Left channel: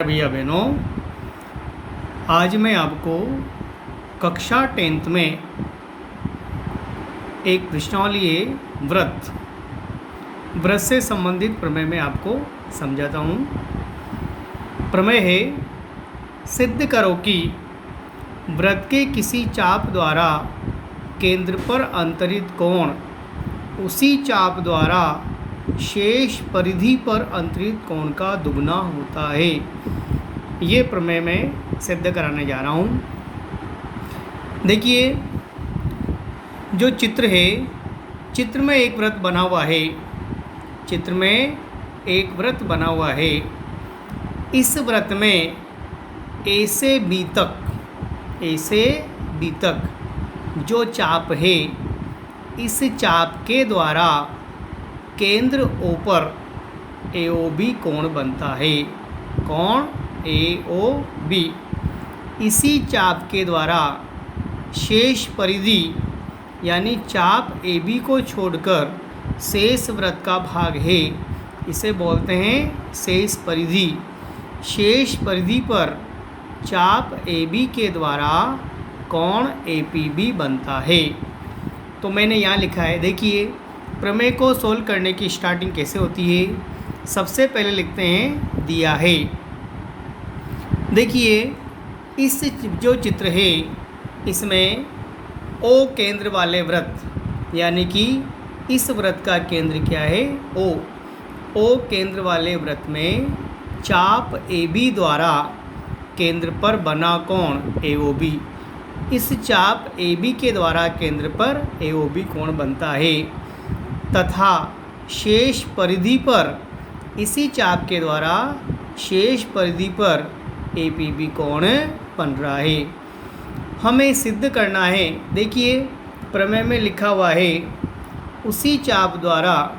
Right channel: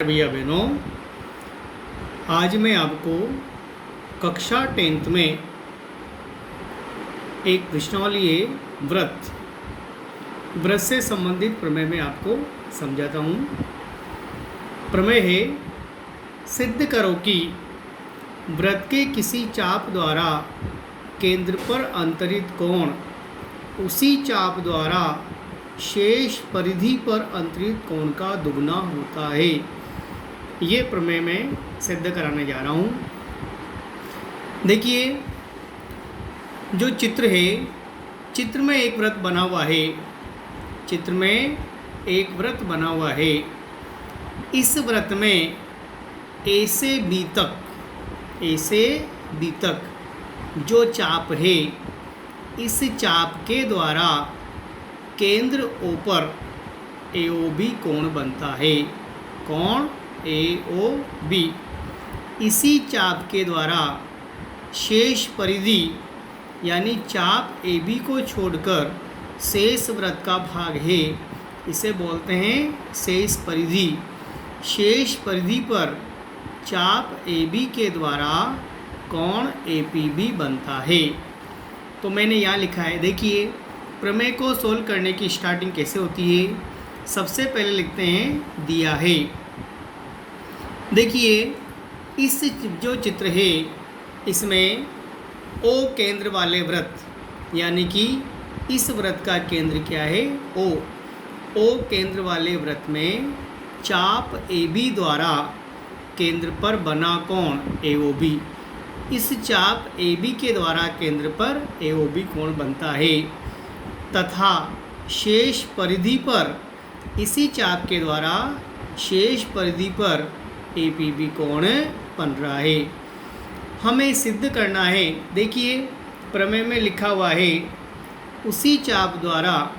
भैया बहनों, आज मैं आपको कक्षा 10th में एक प्रश्नावली है व्रत से संबंधित प्रमेय में आपको समझाता हूँ। प्रमेय है, सिद्ध करो कि व्रत के किसी चाप द्वारा केंद्र पर अंतरित कोण उसी चाप द्वारा शेष परिधि पर अंतरित कोण का दुगना होता है। ये प्रमेय मैं सिद्ध कराने जा रहा हूँ। देखिए, जो चित्र है, चित्र में एक वृत्त बना हुआ है। चित्र में एक वृत्त बना हुआ है। इस वृत्त में ए से बी तक जो चाप है, इस चाप के द्वारा केंद्र ओ पर AOB कोण बनता है। कोण AOB। इसी चाप के द्वारा शेष परिधि यानी चाप AB को छोड़कर शेष वृत्त का भाग है, इसे बोलते हैं शेष परिधि। शेष परिधि पर चाप AB के द्वारा कोण APB बनता है। तो मैंने यहाँ लिखा है, देखिए प्रमेय को सोल्व करने की स्टार्टिंग कैसे होती है। सबसे पहले लिखते हैं दिया है। देखिए, इस जो चित्र है, इसमें O केंद्र वाले वृत्त, यानी कि इस वृत्त का केंद्र क्या है, O केंद्र वाले वृत्त में चाप AB द्वारा केंद्र पर बना कोण AOB, इस चाप AB के द्वारा केंद्र पर AOB कोण बनता है तथा शेष परिधि पर इसी चाप के द्वारा शेष परिधि पर APB कोण बन रहा है। हमें सिद्ध करना है। देखिए, प्रमेय में लिखा हुआ है, उसी चाप द्वारा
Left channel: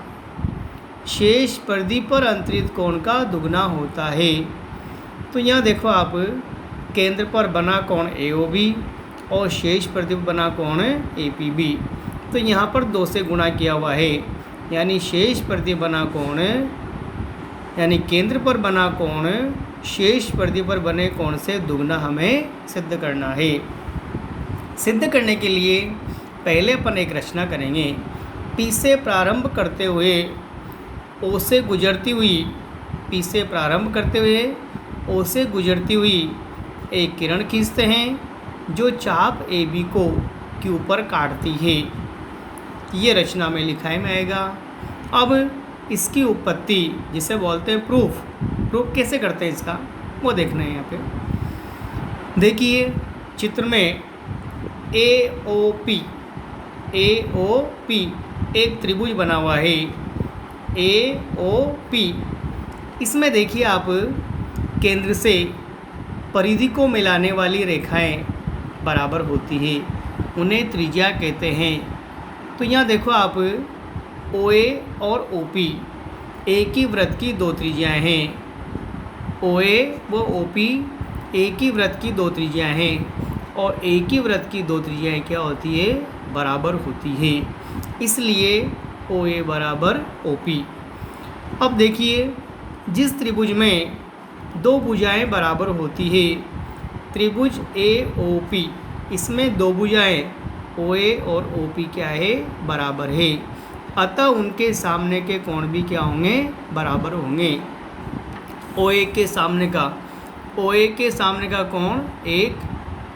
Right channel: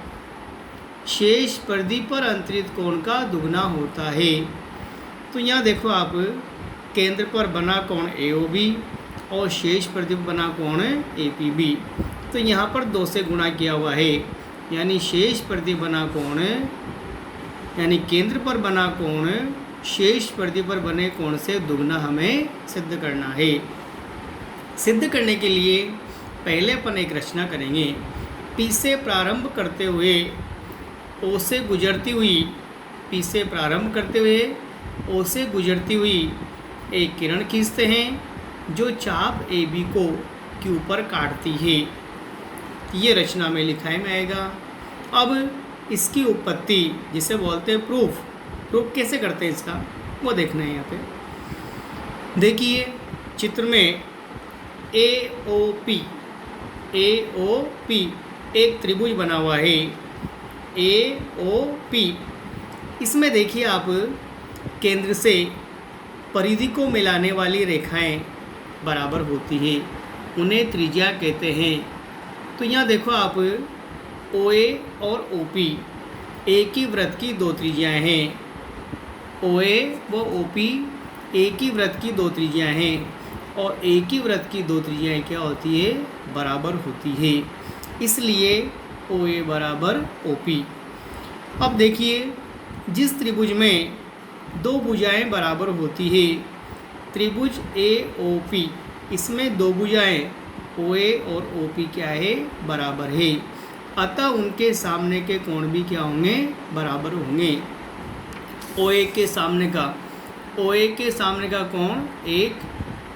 शेष परिधि पर अंतरित कोण का दुगना होता है। तो यहाँ देखो आप, केंद्र पर बना कोण AOB और शेष परिधि पर बना कोण APB। तो यहाँ पर 2 से गुणा किया हुआ है, यानी शेष परिधि बना कोण, यानी केंद्र पर बना कोण शेष परिधि पर बने कोण से दुगना हमें सिद्ध करना है। सिद्ध करने के लिए पहले अपन एक रचना करेंगे। P से प्रारंभ करते हुए O से गुजरती हुई, P से प्रारंभ करते हुए O से गुजरती हुई एक किरण खींचते हैं जो चाप AB को Q पर काटती है। ये रचना में लिखा है में आएगा। अब इसकी उत्पत्ति, जिसे बोलते हैं प्रूफ कैसे करते हैं इसका, वो देखना है यहाँ पे। देखिए, चित्र में AOP एक त्रिभुज बना हुआ है। AOP, इसमें देखिए आप, केंद्र से परिधि को मिलाने वाली रेखाएं बराबर होती है, उन्हें त्रिज्या कहते हैं। तो यहाँ देखो आप, OA और OP एक ही वृत्त की 2 त्रिज्याएँ हैं। OA व OP एक ही वृत्त की 2 त्रिज्याएँ हैं और एक ही वृत्त की 2 त्रिज्याएँ क्या होती है, बराबर होती है। इसलिए OA बराबर OP। अब देखिए, जिस त्रिभुज में 2 भुजाएँ बराबर होती है, त्रिभुज AOP, इसमें 2 भुजाएँ OA और OP क्या है, बराबर है। अतः उनके सामने के कोण भी क्या होंगे, बराबर होंगे। OA के सामने का कोण 1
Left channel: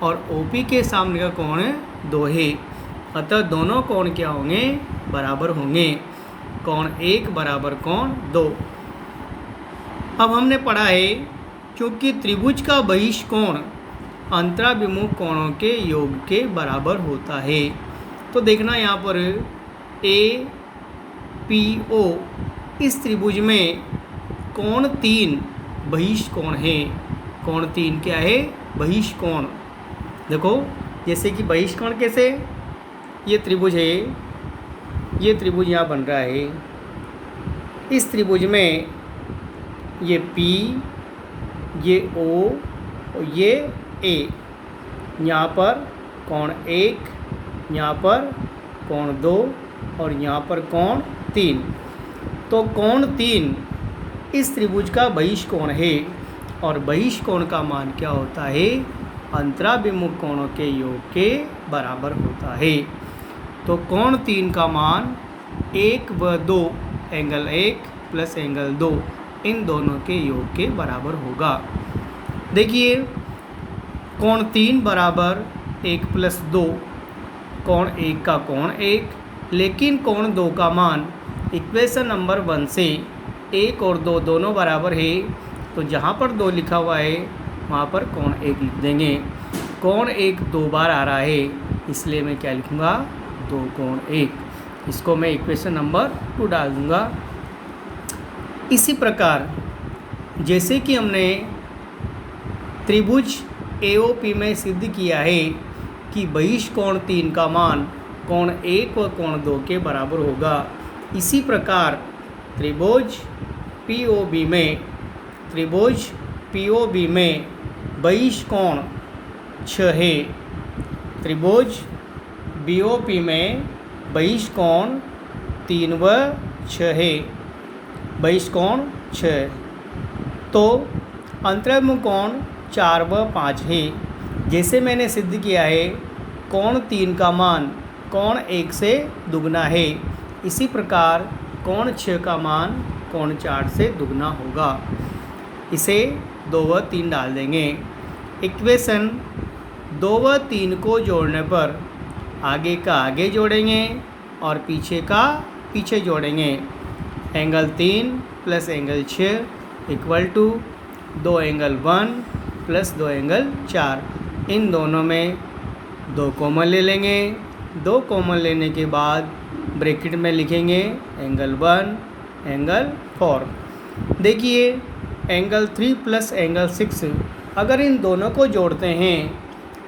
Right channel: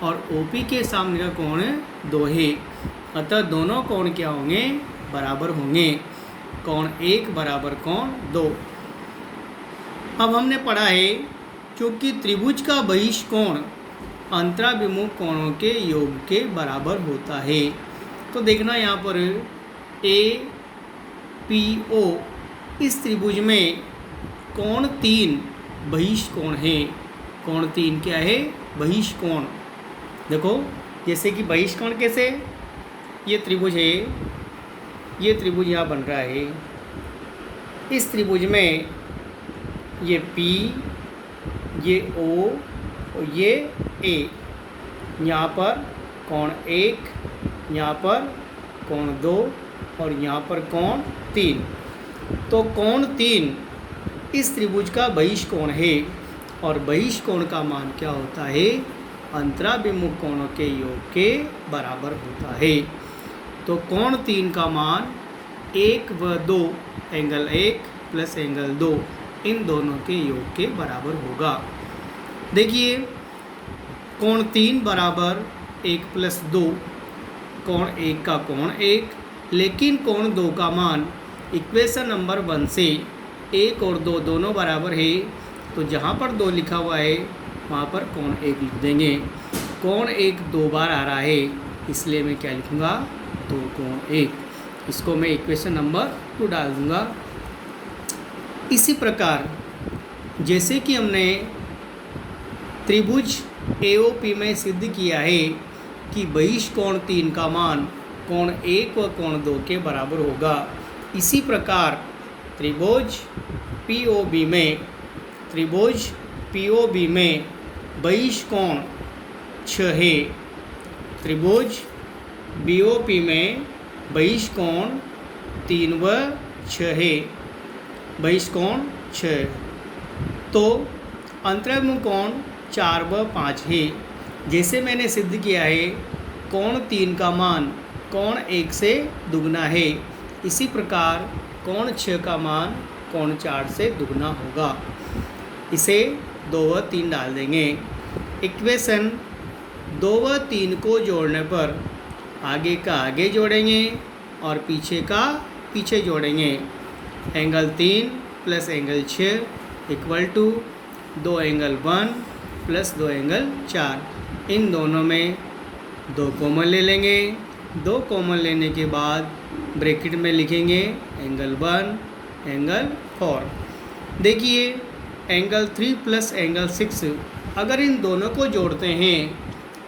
और OP के सामने का कोण 2 है। अतः दोनों कोण क्या होंगे, बराबर होंगे। कोण 1 बराबर कोण 2। अब हमने पढ़ा है, क्योंकि त्रिभुज का बहिष्कोण अंतराभिमुख कोणों के योग के बराबर होता है। तो देखना यहाँ पर APO, इस त्रिभुज में कोण 3 बहिष्कोण है। कोण 3 क्या है, बहिष्कोण। देखो, जैसे कि बहिष्कोण कैसे, ये त्रिभुज है, ये त्रिभुज यहाँ बन रहा है। इस त्रिभुज में ये P, ये O और ये A, यहाँ पर कोण 1, यहाँ पर कोण 2 और यहाँ पर कोण 3। तो कोण 3 इस त्रिभुज का बहिष्कोण है और बहिष्कोण का मान क्या होता है, अंतराभिमुख कोणों के योग के बराबर होता है। तो कोण 3 का मान 1 व 2 एंगल 1 प्लस एंगल 2 इन दोनों के योग के बराबर होगा। देखिए कोण 3 बराबर 1 प्लस 2, कोण 1 का कोण 1, लेकिन कोण 2 का मान इक्वेशन नंबर 1 से 1 और 2 दोनों बराबर है, तो जहाँ पर 2 लिखा हुआ है वहाँ पर कोण 1 लिख देंगे। कोण 1 2 बार आ रहा है, इसलिए मैं क्या लिखूँगा, 2 कोण 1। इसको मैं इक्वेशन नंबर 2 डाल दूँगा। इसी प्रकार जैसे कि हमने त्रिभुज AOP में सिद्ध किया है कि बहिष्कोण 3 का मान कोण 1 व कोण 2 के बराबर होगा, इसी प्रकार त्रिभुज POB में बहिष्कोण 6 है। त्रिभुज BOP में बहिष्कोण 3 व 6 है, बहिष्कोण 6, तो अंतर्मुख कोण 4 व 5 है। जैसे मैंने सिद्ध किया है कोण 3 का मान कोण 1 से दुगना है, इसी प्रकार कोण 6 का मान कोण 4 से दुगना होगा। इसे 2 व 3 डाल देंगे। इक्वेशन 2 व 3 को जोड़ने पर आगे का आगे जोड़ेंगे और पीछे का पीछे जोड़ेंगे। Angle 3 plus angle 6 equal to 2 angle 1 plus 2 angle 4। इन दोनों में 2 कॉमन ले लेंगे। 2 कॉमन लेने के बाद ब्रैकेट में लिखेंगे एंगल 1 एंगल 4। देखिए एंगल 3 प्लस एंगल 6, अगर इन दोनों को जोड़ते हैं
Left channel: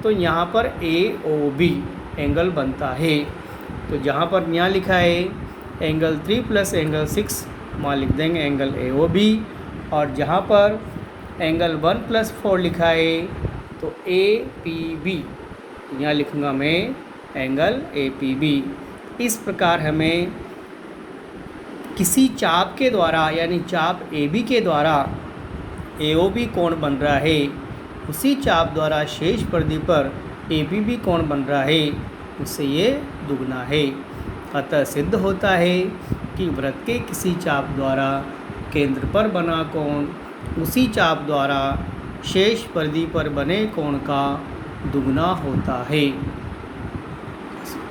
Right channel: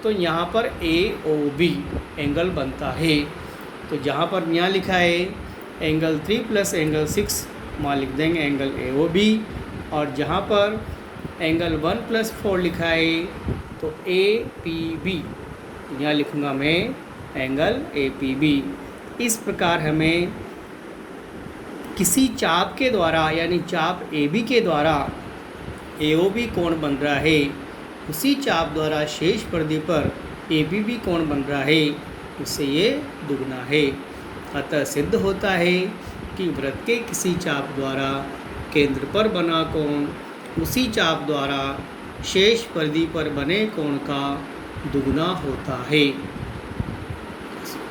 तो यहाँ पर AOB एंगल बनता है। तो जहाँ पर यहाँ लिखा है एंगल 3 प्लस एंगल 6, वहाँ लिख देंगे एंगल AOB, और जहाँ पर एंगल 1 प्लस 4 लिखा है तो APB, यहाँ लिखूँगा मैं एंगल APB। इस प्रकार हमें किसी चाप के द्वारा यानी चाप AB के द्वारा AOB कोण बन रहा है, उसी चाप द्वारा शेष परिधि पर ABB कोण बन रहा है, उससे ये दुगना है। अतः सिद्ध होता है कि वृत्त के किसी चाप द्वारा केंद्र पर बना कोण उसी चाप द्वारा शेष परिधि पर बने कोण का दुगना होता है।